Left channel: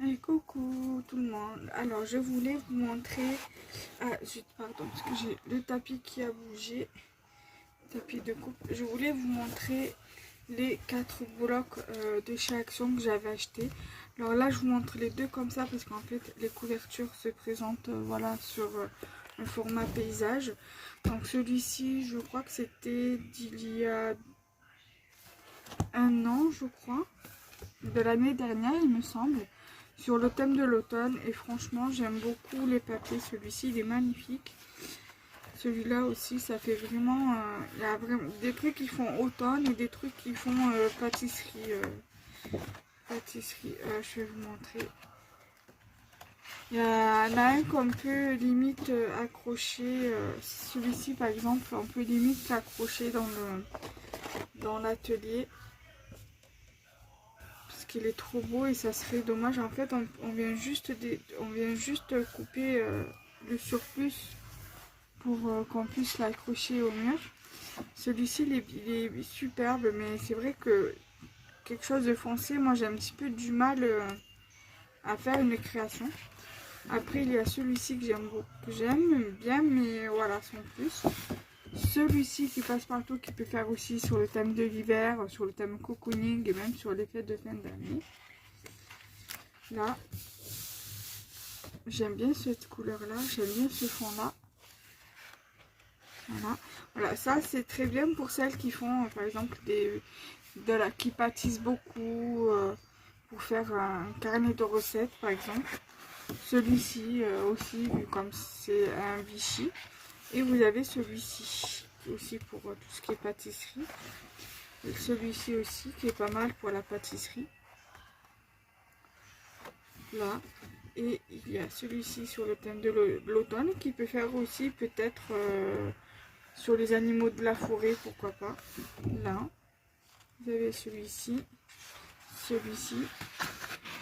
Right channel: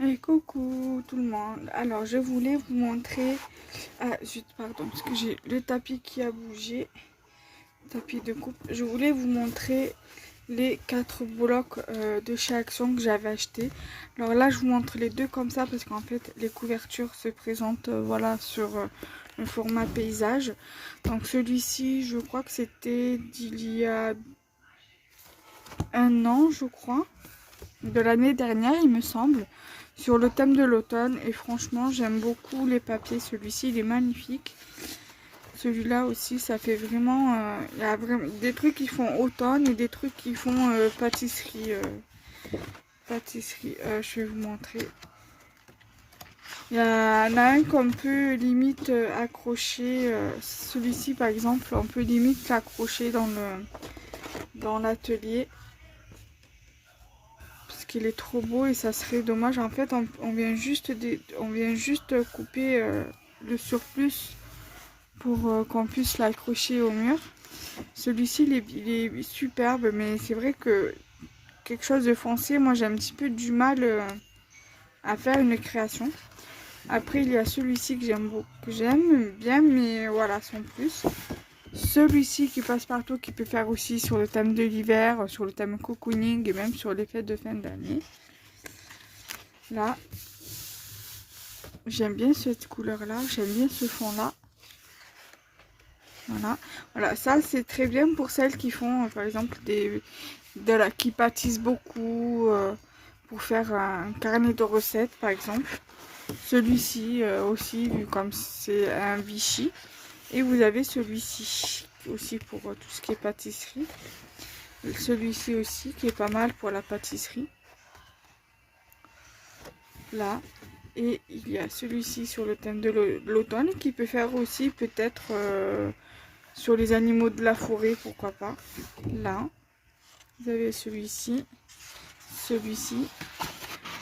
Et coucou tout le monde. Alors je voulais vous montrer. Ah zut, pardon, parce que j'ai le tapis qui a bougé. Tapis de coupe. Je voulais vous montrer les 4 blocs de chez Action que j'avais acheté. Alors là je vous montre les deux comme ça parce qu'en fait les couvertures se présentent voilà sur le format paysage. Donc celui-ci je crois que c'était d'il y a un an je crois. De l'année dernière il me semble, sur le thème de l'automne, et franchement j'aime beaucoup les papiers. Celui-ci il est magnifique, celui-là aussi ça fait vraiment il y a vraiment des trucs qui font automne et des trucs qui font pâtisserie. Je vais vous montrer, il y en a un qu'on peut limite accrocher, celui-ci par exemple on peut limite l'accrocher dans l'atelier parce qu'il est trop beau et ça serait dommage. En fait on vient juste couper le surplus pour qu'on puisse l'accrocher au mur. Celui-ci il est superbe, mais c'est vrai que quelque chose de foncé, moi j'ai un petit peu du mal à faire une création. Après il y a celui-ci que j'aime beaucoup, que j'aime bien, mais voilà, sans plus. Celui-ci qui passe partout, qui peut faire aussi sur le thème de l'hiver, sur le thème cocooning et même sur les fêtes de fin d'année. Là, j'aime bien cette couleur là, j'aime bien ce fond là. Voilà, ça c'est très bien pour celles qui font par exemple qui pâtissent beaucoup, pour faire un carnet de recettes par exemple. Celui-ci aussi, vu comme c'est un Vichy. Et vous avez celui-ci aussi pour tout ce qui est pâtisserie. Celui-ci aussi qui est pas mal pour la pâtisserie. Là. Et il y a celui-ci sur le thème de l'automne qui peut faire aussi peut-être sur les animaux de la forêt, pourquoi pas. Là. Vous avez celui-ci. Celui-ci.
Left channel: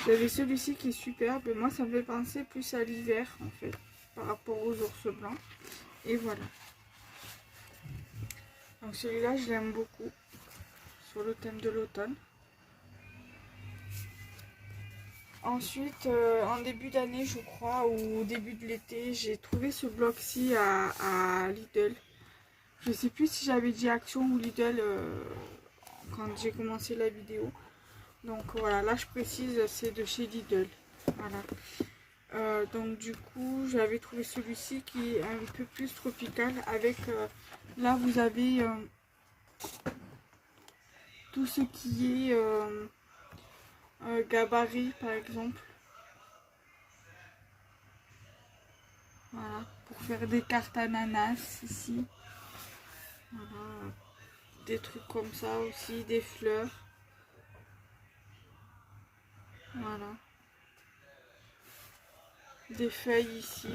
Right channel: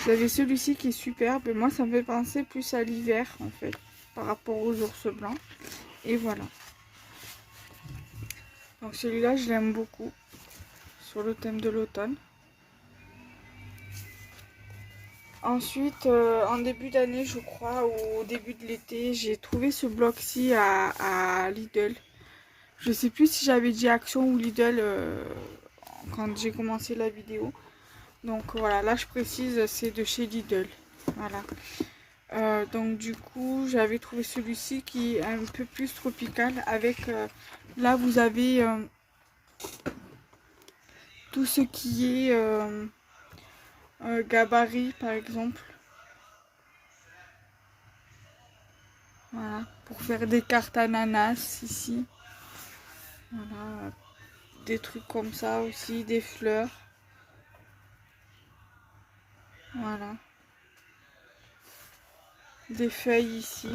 Vous avez celui-ci qui est superbe. Moi, ça me fait penser plus à l'hiver, en fait, par rapport aux ours blancs. Et voilà. Donc celui-là, je l'aime beaucoup, sur le thème de l'automne. Ensuite, en début d'année, je crois, ou au début de l'été, j'ai trouvé ce bloc-ci à Lidl. Je sais plus si j'avais dit Action ou Lidl quand j'ai commencé la vidéo. Donc voilà, là je précise, c'est de chez Lidl. Voilà. Donc du coup, j'avais trouvé celui-ci qui est un peu plus tropical avec... là, vous avez tout ce qui est gabarit, par exemple. Voilà, pour faire des cartes ananas ici. Voilà, des trucs comme ça aussi, des fleurs. Voilà. Des feuilles ici.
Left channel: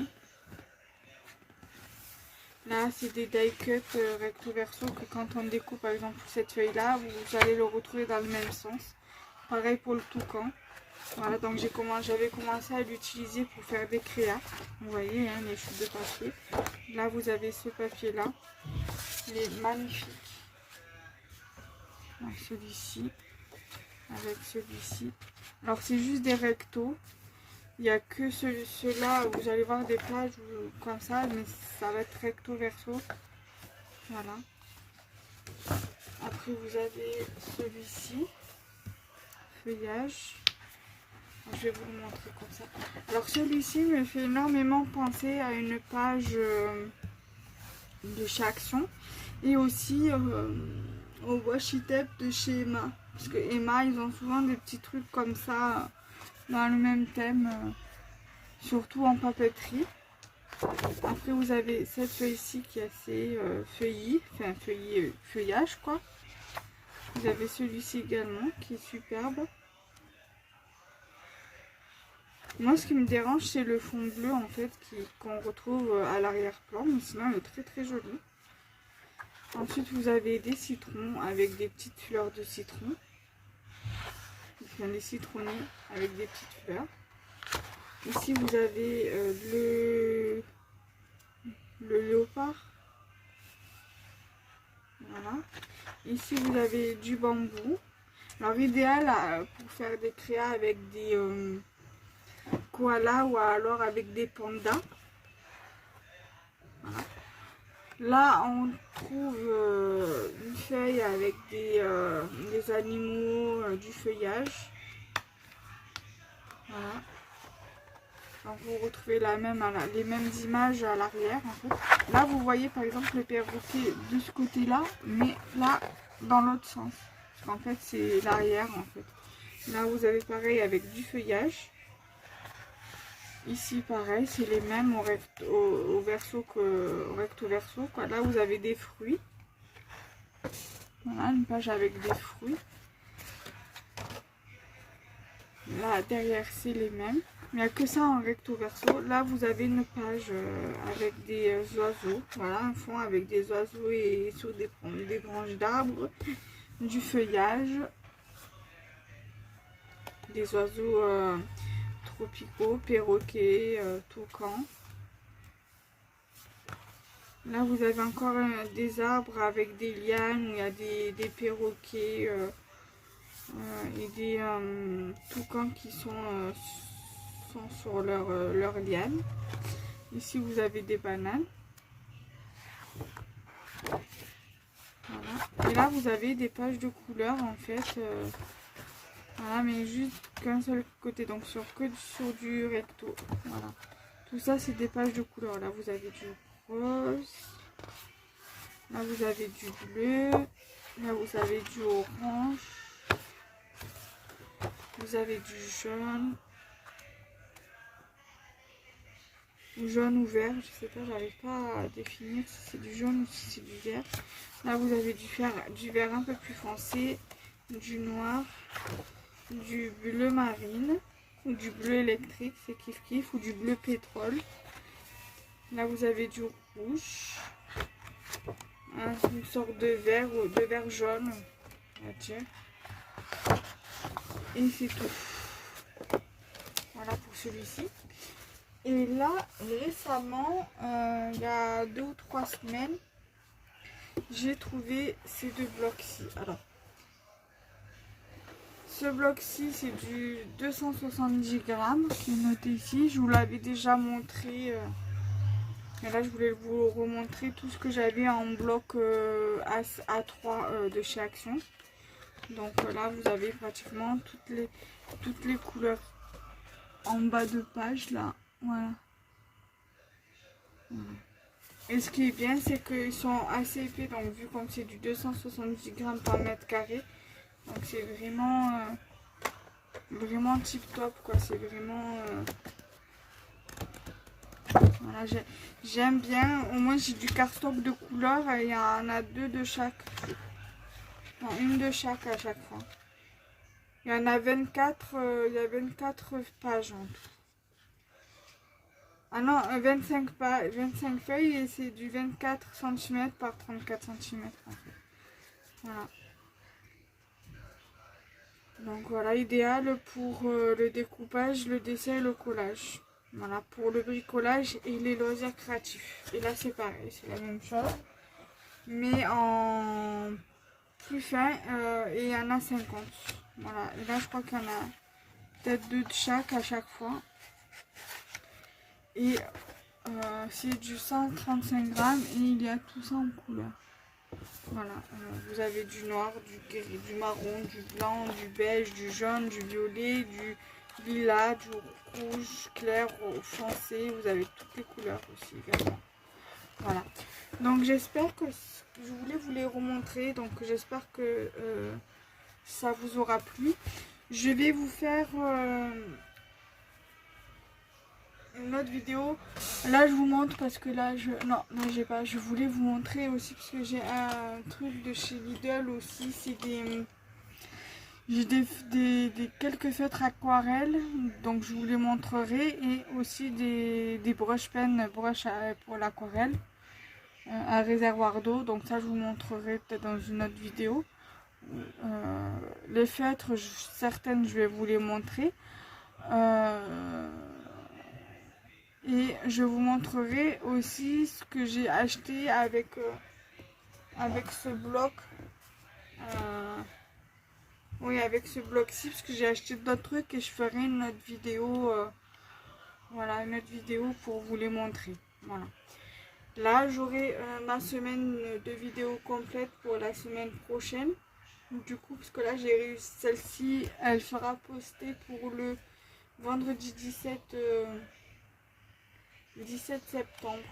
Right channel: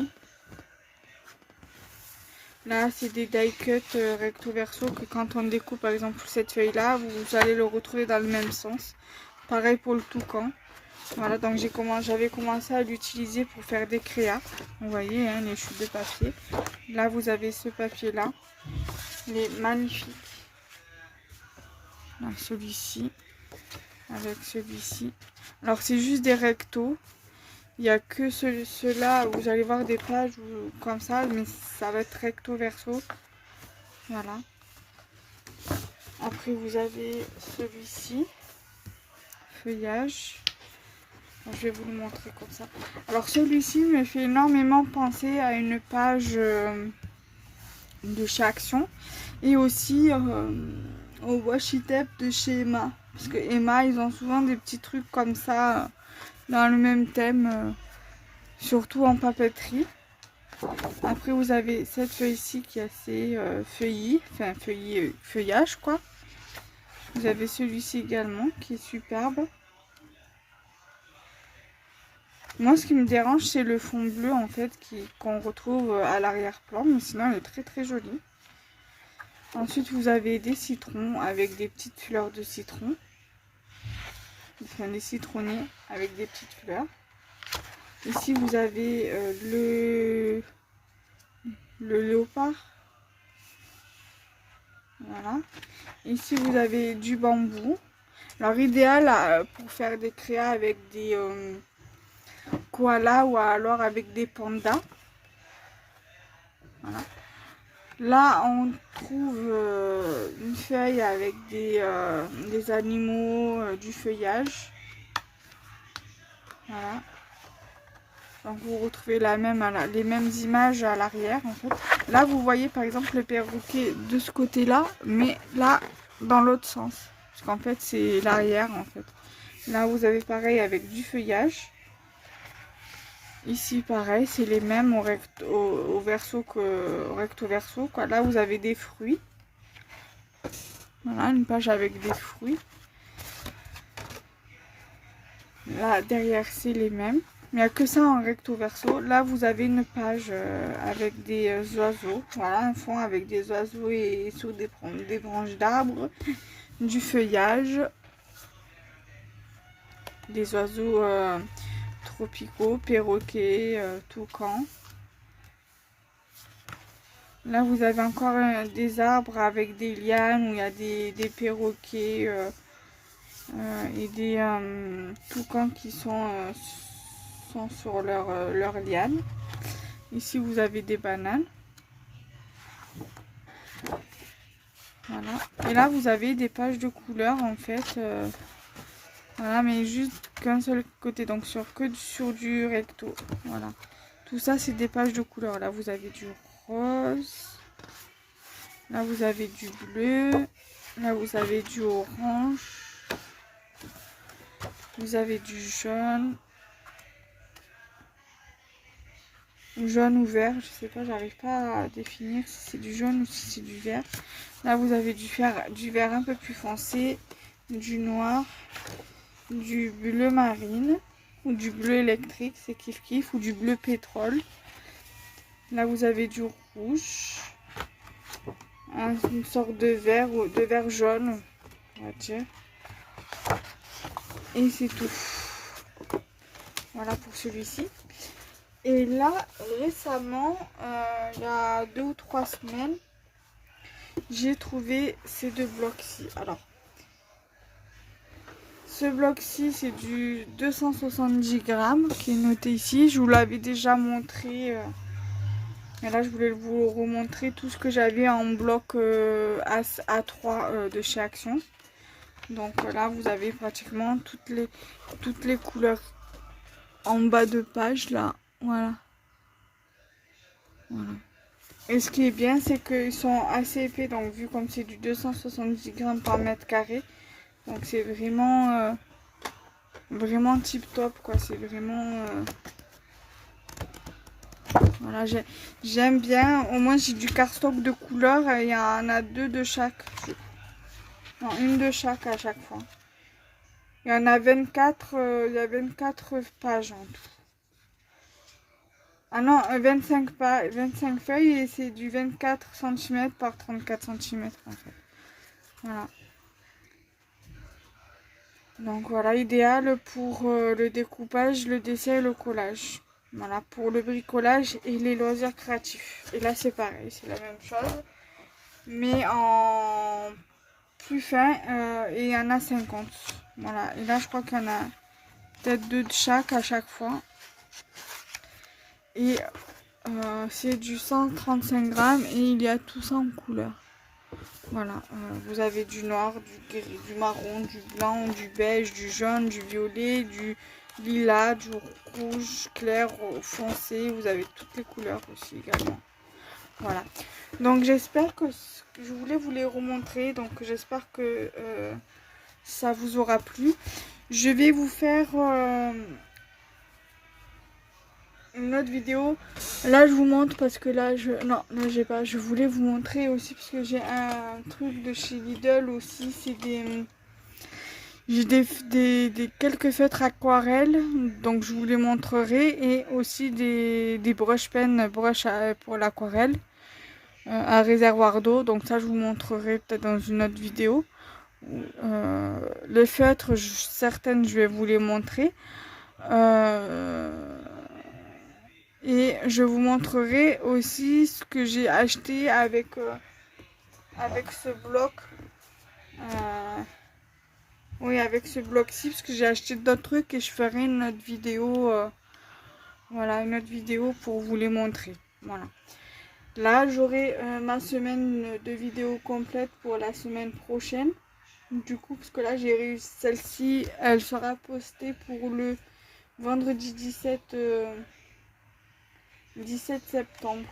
Là, c'est des die cut recto verso que quand on découpe par exemple cette feuille là, vous allez le retrouver dans le même sens. Pareil pour le toucan. Voilà, donc j'avais commencé à l'utiliser pour faire des créas. Vous voyez, hein, les chutes de papier. Là, vous avez ce papier là. Il est magnifique. Donc celui-ci, avec celui-ci. Alors c'est juste des rectos. Il n'y a que ceux-là où vous allez voir des pages comme ça, mais ça va être recto verso. Voilà. Après vous avez celui-ci, feuillage. Je vais vous le montrer comme ça. Alors celui-ci me fait énormément penser à une page de chez Action et aussi au washi tape de chez Emma. Parce que Emma, ils ont souvent des petits trucs comme ça dans le même thème, surtout en papeterie. Après vous avez cette feuille-ci qui est assez feuillie, enfin feuillage quoi. Vous avez celui-ci également qui est superbe. Moi ce qui me dérange c'est le fond bleu en fait qu'on retrouve à l'arrière-plan, mais sinon il est très très joli. Ensuite vous avez des citrons avec des petites fleurs de citron. Enfin des citronnés avec des petites fleurs. Ici vous avez le léopard. Voilà. Ici vous avez du bambou. Alors idéal pour faire des créas avec koalas ou alors avec des pandas. Voilà. Là, on trouve une feuille avec des animaux, du feuillage. Voilà. Donc vous retrouvez les mêmes images à l'arrière. En fait. Là, vous voyez par exemple le perroquet de ce côté-là, mais là, dans l'autre sens. Parce qu'en fait, c'est l'arrière en fait. Là, vous avez pareil avec du feuillage. Ici, pareil, c'est les mêmes au verso au recto verso. Quoi. Là, vous avez des fruits. Voilà, une page avec des fruits. Là, derrière, c'est les mêmes. Il n'y a que ça en recto verso. Là, vous avez une page avec des oiseaux. Voilà, un fond avec des oiseaux et sur des branches d'arbres. Du feuillage. Des oiseaux tropicaux, perroquets, toucans. Là, vous avez encore des arbres avec des lianes où il y a des perroquets et des toucans qui sont sur leur liane. Ici, vous avez des bananes. Voilà. Et là, vous avez des pages de couleurs en fait. Voilà, mais juste qu'un seul côté, donc que sur du recto. Voilà. Tout ça, c'est des pages de couleurs. Là, vous avez du rose. Là, vous avez du bleu. Là, vous avez du orange. Vous avez du jaune. Jaune ou vert, je sais pas, j'arrive pas à définir si c'est du jaune ou si c'est du vert. Là, vous avez du vert un peu plus foncé, du noir, du bleu marine, ou du bleu électrique, c'est kiff kiff, ou du bleu pétrole. Là, vous avez du rouge, une sorte de vert ou de vert jaune, on va dire. Et c'est tout. Voilà pour celui-ci. Et là, récemment, il y a 2 ou 3 semaines, j'ai trouvé ces deux blocs-ci. Alors, ce bloc-ci, c'est du 270 grammes qui est noté ici. Je vous l'avais déjà montré. Mais là, je voulais vous remontrer tout ce que j'avais en bloc A3 de chez Action. Donc là, vous avez pratiquement toutes les couleurs en bas de page là. Voilà. Voilà. Et ce qui est bien, c'est qu'ils sont assez épais. Donc vu comme c'est du 270 grammes par mètre carré. Donc c'est vraiment, vraiment tip top quoi. C'est vraiment... Voilà, j'aime bien. Au moins j'ai du cardstock de couleur. Il y en a 2 de chaque. Non, une de chaque à chaque fois. Il y en a 24, il y a 24 pages en tout. Ah non, 25 feuilles et c'est du 24 cm par 34 cm en fait. Voilà. Donc voilà, idéal pour le découpage, le dessin et le collage. Voilà, pour le bricolage et les loisirs créatifs. Et là c'est pareil, c'est la même chose. Mais en plus fin et il y en a 50. Voilà, et là je crois qu'il y en a peut-être 2 de chaque à chaque fois. Et c'est du 135 grammes et il y a tout ça en couleur. Voilà, vous avez du noir, du gris, du marron, du blanc, du beige, du jaune, du violet, du lilas, du rouge clair, foncé. Vous avez toutes les couleurs aussi également. Voilà. Donc j'espère que je voulais vous les remontrer. Donc j'espère que ça vous aura plu. Je vais vous faire une autre vidéo. Là je vous montre parce que là non, là j'ai pas. Je voulais vous montrer aussi parce que j'ai un truc de chez Lidl aussi. C'est j'ai quelques feutres aquarelles, donc je vous les montrerai, et aussi des broches pennes pour l'aquarelle, un réservoir d'eau, donc ça je vous montrerai peut-être dans une autre vidéo. Les feutres, certaines je vais vous les montrer, et je vous montrerai aussi ce que j'ai acheté avec ce bloc. Oui, avec ce bloc-ci, parce que j'ai acheté d'autres trucs et je ferai une autre vidéo Voilà, une autre vidéo pour vous les montrer. Voilà. Là, j'aurai ma semaine de vidéos complète pour la semaine prochaine. Du coup, parce que là, j'ai réussi. Celle-ci, elle sera postée pour le vendredi 17 septembre.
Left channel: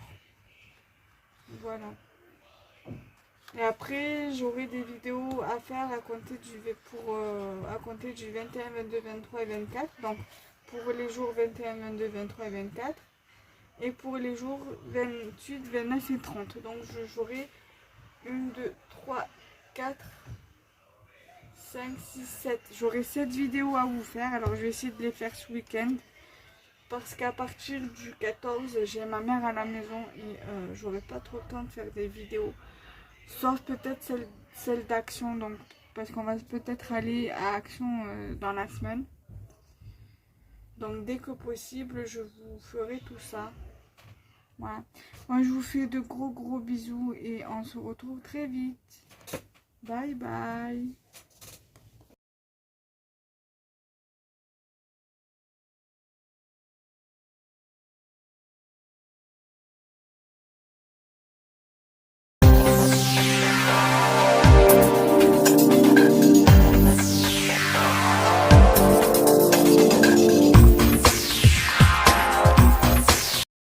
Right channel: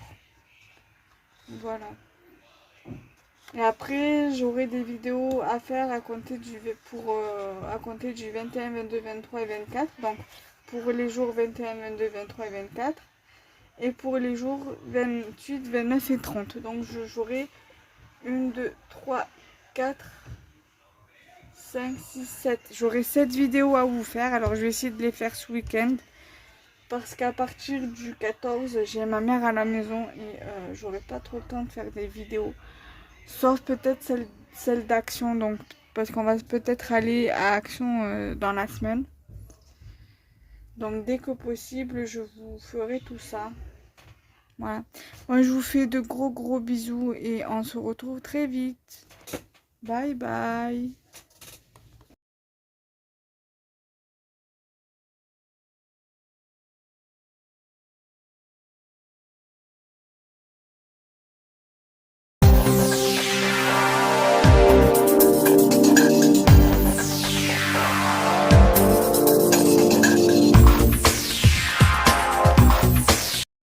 Voilà. Et après, j'aurai des vidéos à faire à compter à compter du 21, 22, 23 et 24. Donc, pour les jours 21, 22, 23 et 24. Et pour les jours 28, 29 et 30. Donc, j'aurai 1, 2, 3, 4, 5, 6, 7. J'aurai 7 vidéos à vous faire. Alors, je vais essayer de les faire ce week-end. Parce qu'à partir du 14, j'ai ma mère à la maison et j'aurai pas trop le temps de faire des vidéos. Sauf peut-être celle d'Action, donc parce qu'on va peut-être aller à Action dans la semaine. Donc dès que possible, je vous ferai tout ça. Voilà. Moi, je vous fais de gros bisous et on se retrouve très vite. Bye bye.